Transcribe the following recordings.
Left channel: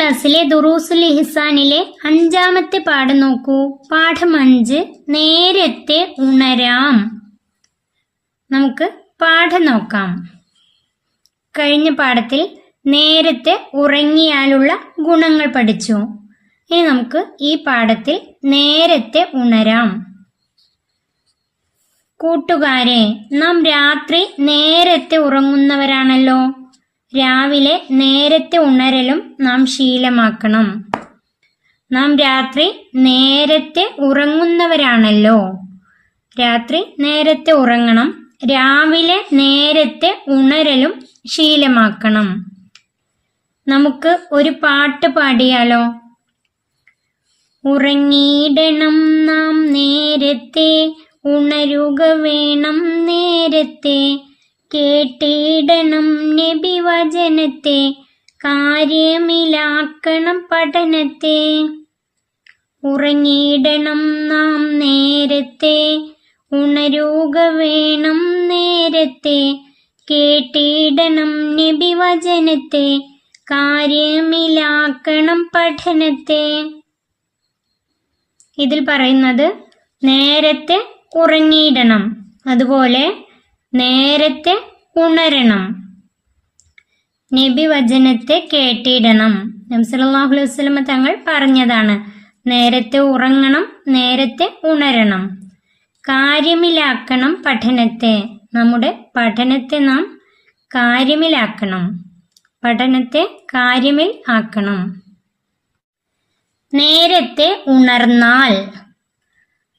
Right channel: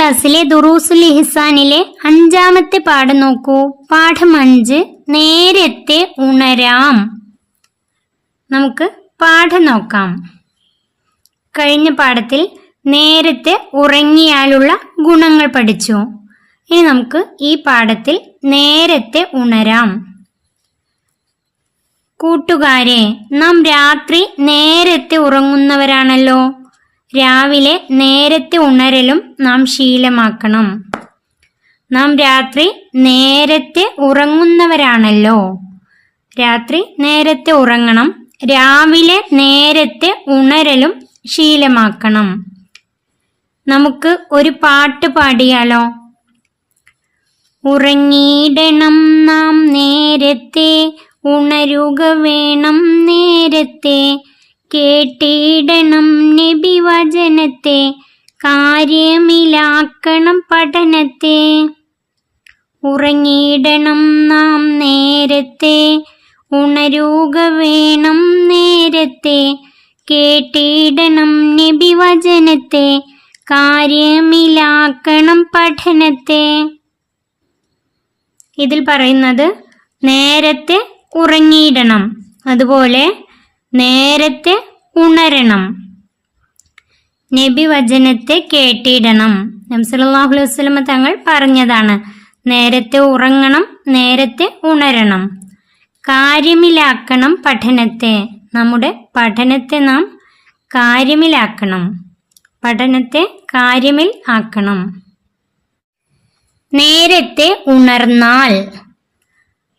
ക്ലാസ്സിലെ ദുറൂസുൽ ഇഹ്സാനിലെ 5-ാമത്തെ പാഠം നോക്കൂ. പാഠം 5, നേരത്തെ ഉണരാം. നമുക്ക് പാഠം നോക്കാം. കഴിഞ്ഞ പാഠത്തിൽ നേരത്തെ ഉറങ്ങിയാലുള്ള ഗുണങ്ങൾ പഠിച്ചു. ഇനി നമുക്ക് ഈ പാഠത്തിൽ നേരത്തെ ഉണരാം. കൂട്ടുകാരെ, നാം രാത്രി നേരത്തെ ഉറങ്ങുന്നവരാണല്ലോ. രാവിലെ നേരത്തെ ഉണരലും നാം ശീലമാക്കണം. നാം രാത്രി നേരത്തെ ഉറങ്ങുന്നവരാണല്ലോ. രാത്രി നേരത്തെ ഉറങ്ങണം, രാവിലെ നേരത്തെ ഉണരലും ശീലമാക്കണം. നമുക്ക് ഒരു പാട്ട് പാടിയാലോ? ഉറങ്ങിയിടണം നാം നേരത്തെ, ഉണരുക വേണം നേരത്തെ, കേട്ടിടണം നബി വചനത്തെ, കാര്യമിലാക്കണം പഠനത്തെ. ഉറങ്ങിയിടണം നാം നേരത്തെ, ഉണരുക വേണം നേരത്തെ, കേട്ടിടണം നബി വചനത്തെ, കാര്യമിലാക്കണം പഠനത്തെ. ഇതിൽ പറയുന്നത് നേരത്തെ ഉറങ്ങിയിടണം, അതുപോലെ നേരത്തെ ഉണരണം, നബി വചനത്തെ കേട്ടിടണം. നബി സല്ലല്ലാഹു അലൈഹി വസല്ലം തങ്ങൾ പറഞ്ഞതാണ്. നേരത്തെ ഉറങ്ങണം, നേരത്തെ ഉണരണം, കാര്യമിലാക്കണം പഠനത്തെ. നമ്മുടെ പഠനത്തെ നാം കാര്യമിലാക്കണം, പഠനത്തെ കാര്യമിൽ ആക്കണം. നേരത്തെ ഉണർന്നാൽ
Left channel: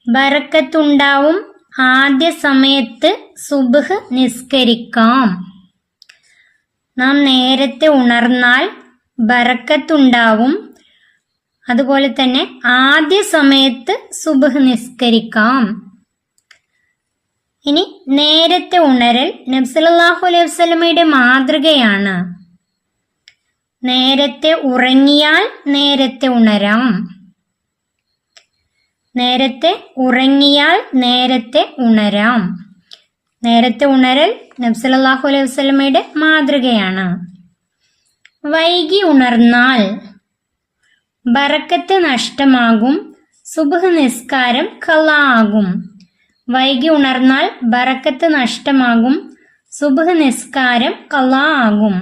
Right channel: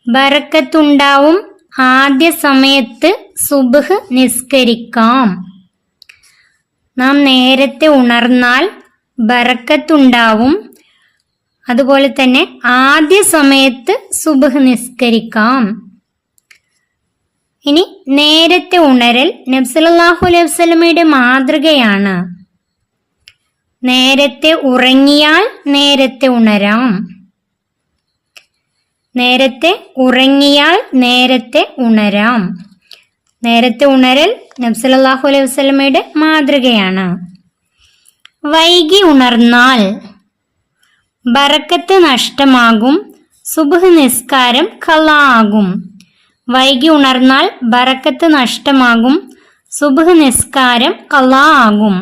ബറക്കത്തുണ്ടാവും, ആദ്യ സമയത്ത് സുബ്ഹ് നിസ്കരിക്കാം. നാം നേരത്തെ ഉണർന്നാൽ ബറക്കത്തുണ്ടാവും, അതുപോലെ തന്നെ ആദ്യ സമയത്ത് സുബ്ഹ് നിസ്കരിക്കാം. ഇനി നേരത്തെ ഉണരൽ നബി സല്ലല്ലാഹു അലൈഹി വസല്ലമയുടെ മാതൃകയാണ്. നേരത്തെ ഉറങ്ങിയാൽ നേരത്തെ ഉണരാം. നേരത്തെ ഉറങ്ങിയാൽ നേരത്തെ ഉണരാം. നേരത്തെ ഉണരൽ നബി സല്ലല്ലാഹു അലൈഹി വസല്ലമയുടെ മാതൃകയാണ്. വൈകി ഉണർന്നാൽ ബറക്കത്ത് നഷ്ടമാകും, സുബ്ഹ് നിസ്കാരം ഖളാ ആകും. വൈകി ഉണർന്നാൽ ബറക്കത്ത് നഷ്ടമാകും, സുബ്ഹ് നിസ്കാരം ഖളാ ആകും.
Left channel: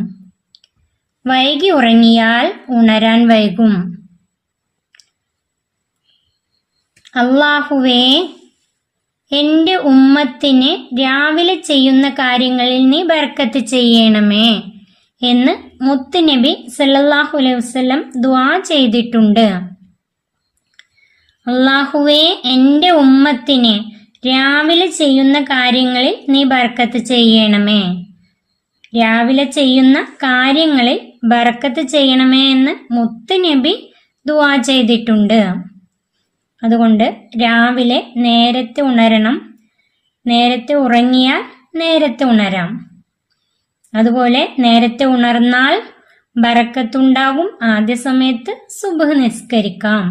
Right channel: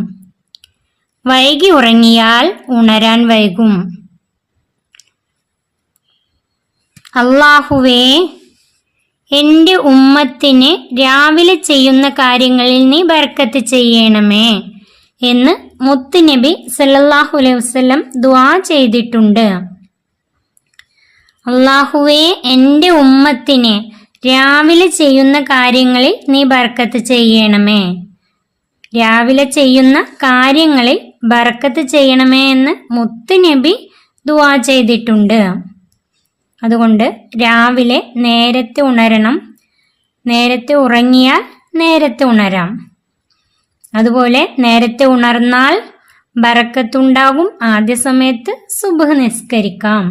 വൈകി ഉറങ്ങിയാൽ ഉണരാൻ വൈകും. അല്ലാഹുവേ, എൻ്റെ ഉമ്മത്തിന് രാവിലെ ചെയ്യുന്ന കാര്യങ്ങളിൽ നീ ബർക്കത്ത് ചെയ്യണമേ എന്ന് മുത്തുനബി സല്ലല്ലാഹു അലൈഹി വസല്ലം ദുആ ചെയ്തിട്ടുണ്ട്. അല്ലാഹുവേ, എൻ്റെ ഉമ്മത്തിന് രാവിലെ ചെയ്യുന്ന കാര്യങ്ങളിൽ നീ ബർക്കത്ത് ചെയ്യണമേ. രാവിലെ ചെയ്യുന്ന കാര്യങ്ങളിൽ ബർക്കത്ത് ചെയ്യണമേ എന്ന് മുത്തുനബി ദുആ ചെയ്തിട്ടുണ്ട്. അതുകൊണ്ട് രാവിലെ നേരത്തെ ഉണരണം, നേരത്തെ ഉറങ്ങിയാൽ നേരത്തെ ഉണരാം. അതുപോലെ നേരത്തെ ഉണർന്നാൽ ബറക്കത്തുണ്ടാകും, ആദ്യ സമയത്ത് സുബ്ഹ് നിസ്കരിക്കാം.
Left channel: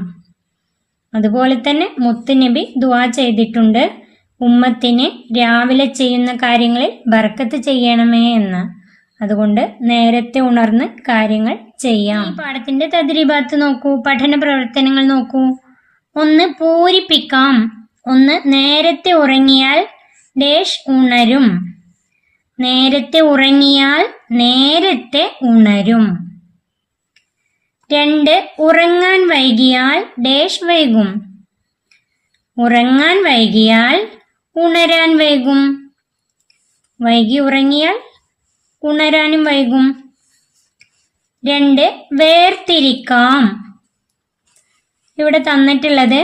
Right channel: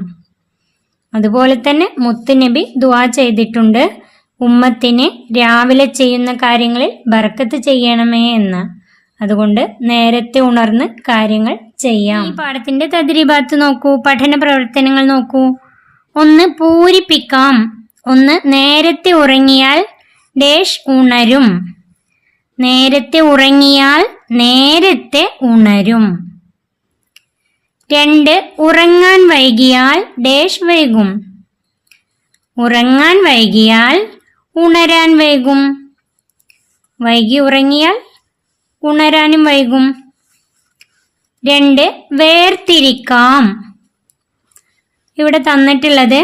അതുപോലെ തന്നെ മുത്തുനബി ദുആ ചെയ്തിട്ടുണ്ട്, ഉമ്മത്തിന് രാവിലെ ചെയ്യുന്ന കാര്യങ്ങളിൽ ബർക്കത്ത് ചെയ്യണമേ എന്ന്. അതുകൊണ്ട് നേരത്തെ ഉണർന്ന് കാര്യങ്ങൾ ചെയ്യാം. ഈ പാഠത്തിന്റെ തദ്രീബാത്ത് നോക്കൂ, പഠന പ്രവർത്തനങ്ങൾ നോക്കൂ. 1 പൂരിപ്പിക്കാം. 1 നേരത്തെ ഉറങ്ങിയാൽ ഡേഷ് ഉണരും. നേരത്തെ ഉറങ്ങിയാൽ നേരത്തെ ഉണരും. 2 ഉറങ്ങാൻ വൈകിയാൽ ഡേഷ് വൈകും. ഉറങ്ങാൻ വൈകിയാൽ ഉണരാൻ വൈകും. വൈകി ഉറങ്ങിയാൽ ഉണരാനും വൈകും. 2 വേർതിരിക്കാം. ഇവിടെ തന്നിട്ടുള്ളത്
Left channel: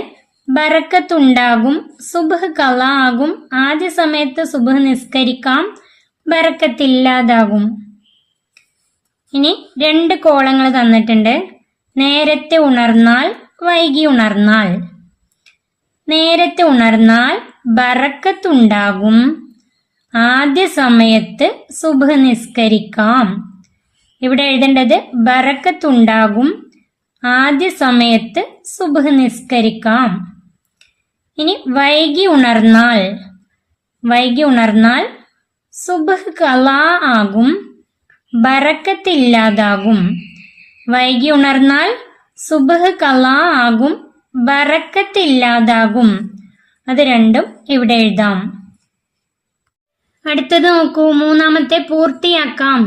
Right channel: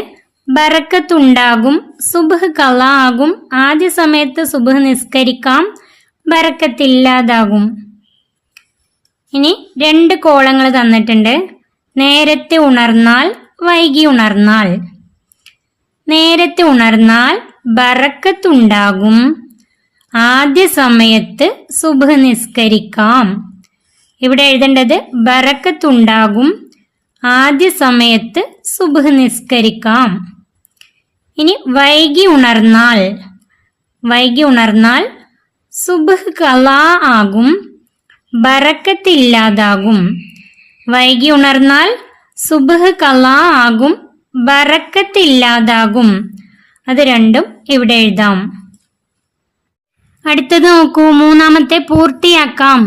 ബറക്കത്തുണ്ടാകും, സുബ്ഹ് ഖളാ ആകും, ആദ്യ സമയത്ത് സുബ്ഹ് നിസ്കരിക്കാം, ബറക്കത്തില്ലാതാകും. ഇനി 2 കോളങ്ങൾ തന്നിട്ടുണ്ട്. നേരത്തെ ഉണർന്നാൽ, വൈകി ഉണർന്നാൽ. നേരത്തെ ഉണർന്നാൽ ബറക്കത്തുണ്ടാകും, ആദ്യ സമയത്ത് സുബ്ഹ് നിസ്കരിക്കാം. ഇവിടെ എഴുതേണ്ടത് ബറക്കത്തുണ്ടാകും, ആദ്യ സമയത്ത് സുബ്ഹ് നിസ്കരിക്കാം. ഇനി വൈകി ഉണർന്നാൽ സുബ്ഹ് ഖളാ ആകും, ബറക്കത്തില്ലാതാകും. വൈകി ഉണർന്നാൽ സുബ്ഹ് ഖളാ ആകും, ബറക്കത്തില്ലാതാകും. അത് രണ്ടും ഇവിടെ എഴുതാം. അടുത്തത് നോക്കൂ, മൂന്നാമത്തെ പൂർത്തിയാക്കാം.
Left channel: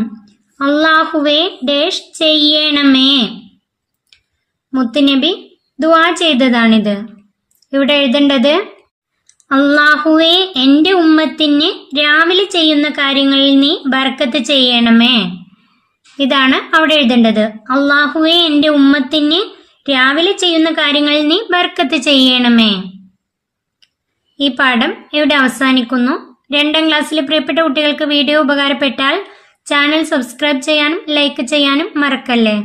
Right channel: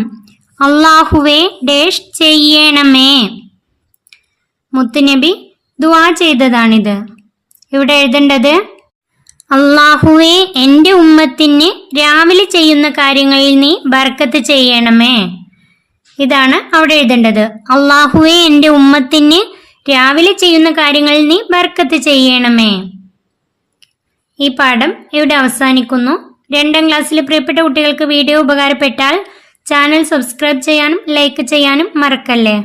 അള്ളാഹുവേ ഡേഷ് ചെയ്യണമേ. മുത്തുനബി ദുആ ചെയ്തതാണിത്. ഇവിടെ എഴുതേണ്ടത് അള്ളാഹുവേ എൻ്റെ ഉമ്മത്തിന് രാവിലെ ചെയ്യുന്ന കാര്യങ്ങളിൽ നീ ബർക്കത്ത് ചെയ്യണമേ. ഇതാണ് അവിടെ എഴുതേണ്ടത്. അള്ളാഹുവേ എൻ്റെ ഉമ്മത്തിന് രാവിലെ ചെയ്യുന്ന കാര്യങ്ങളിൽ നീ ബർക്കത്ത് ചെയ്യണമേ. ഈ പാഠം ഇവിടെ അവസാനിക്കുന്നു. 2ാം ക്ലാസ്സിലെ പ്രിയപ്പെട്ട കുട്ടികൾക്ക് വീഡിയോ ഉപകാരപ്പെട്ടാൽ ചാനൽ സബ്സ്ക്രൈബ് ചെയ്യാനും ലൈക്ക് ചെയ്യാനും മറക്കല്ലേ.